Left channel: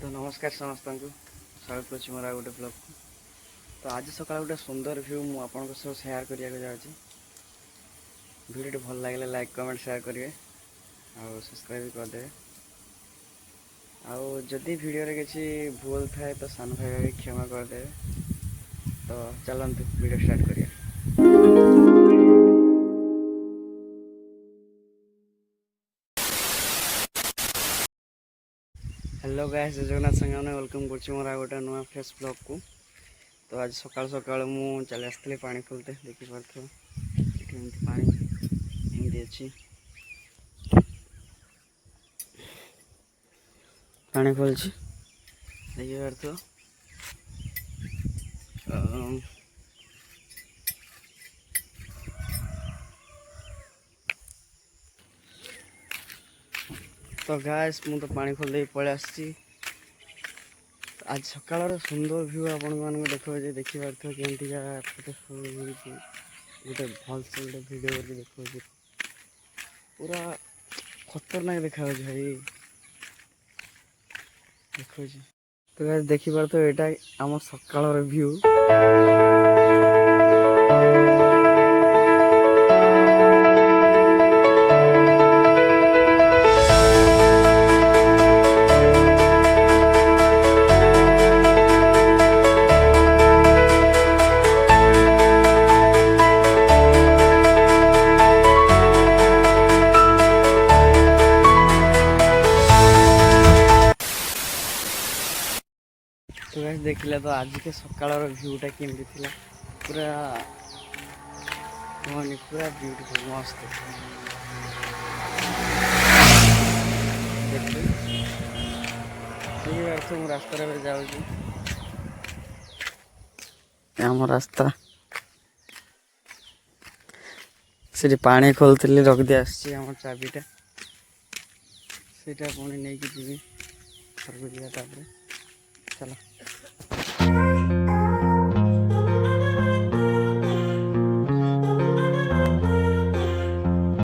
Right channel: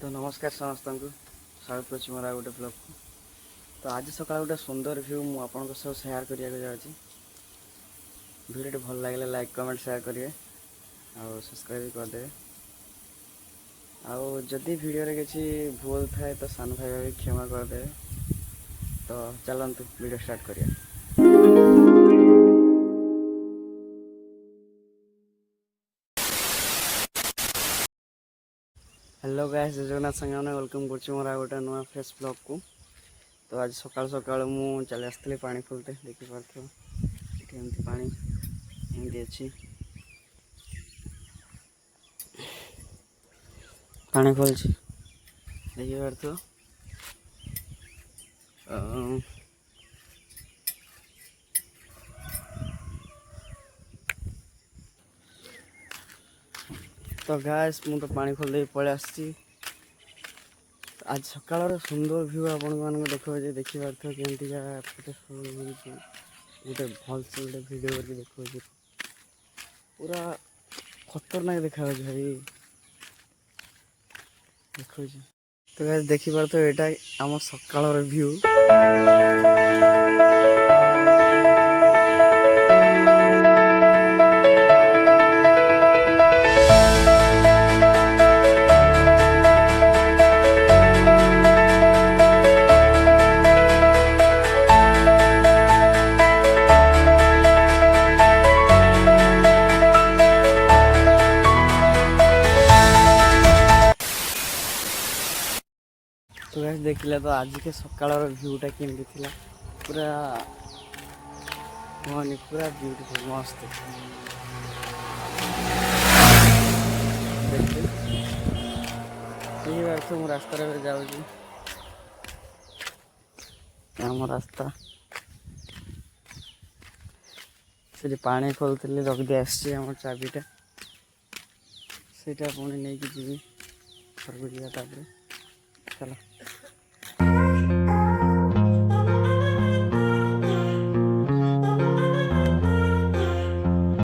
तो नमस्कार समस्त को स्वागत कर मोर गोटे ब्लॉग को। तो आज सकाल गोटे सुंदर व्यू मुझे आपंक सब सेयार करने जाऊँगी। वीडियो भल लगे लाइक कमेंट शेयर करेंगे और सब्सक्राइब करदे। आदि वीडियो किसी भूल थाए तो सान भाई भाई क्षमा करदे। तो चलतु वीडियो स्टार्ट करिए। हेलो गाइस, जगन्नाथ संगे वेलकम कर मोर गोटे नुआ फेस ब्लॉग को। तो आज सकाल सकाल मु चली आसती पानी खोलते देखिपे ये पानी एमती अच्छी पानी खोलছি देखिपे। तो गाइस मु तो पानी खोल दे पड़े आसी। आज सकाल सुंदर व्यू आपण मान देखिए देखिए केमती गोटे भल से गोटे भिड करके देखिए पूरा खतरनाक देखा भाई देखिए। तो गाइस देखिए तो यहाँ आम सकाल व्यू। तो गाइस देखिले तो आज के सकाल व्यूटा केमती थिला पूरा कहनी पूरा ब्यूटीफुल मस्त देखिए अर्थ मु रास्तार जाऊँगी आम रास्ता से पानी खोलती रखी आसी आम चाबीटा से पुणी नहीं जी घर को जा चलो।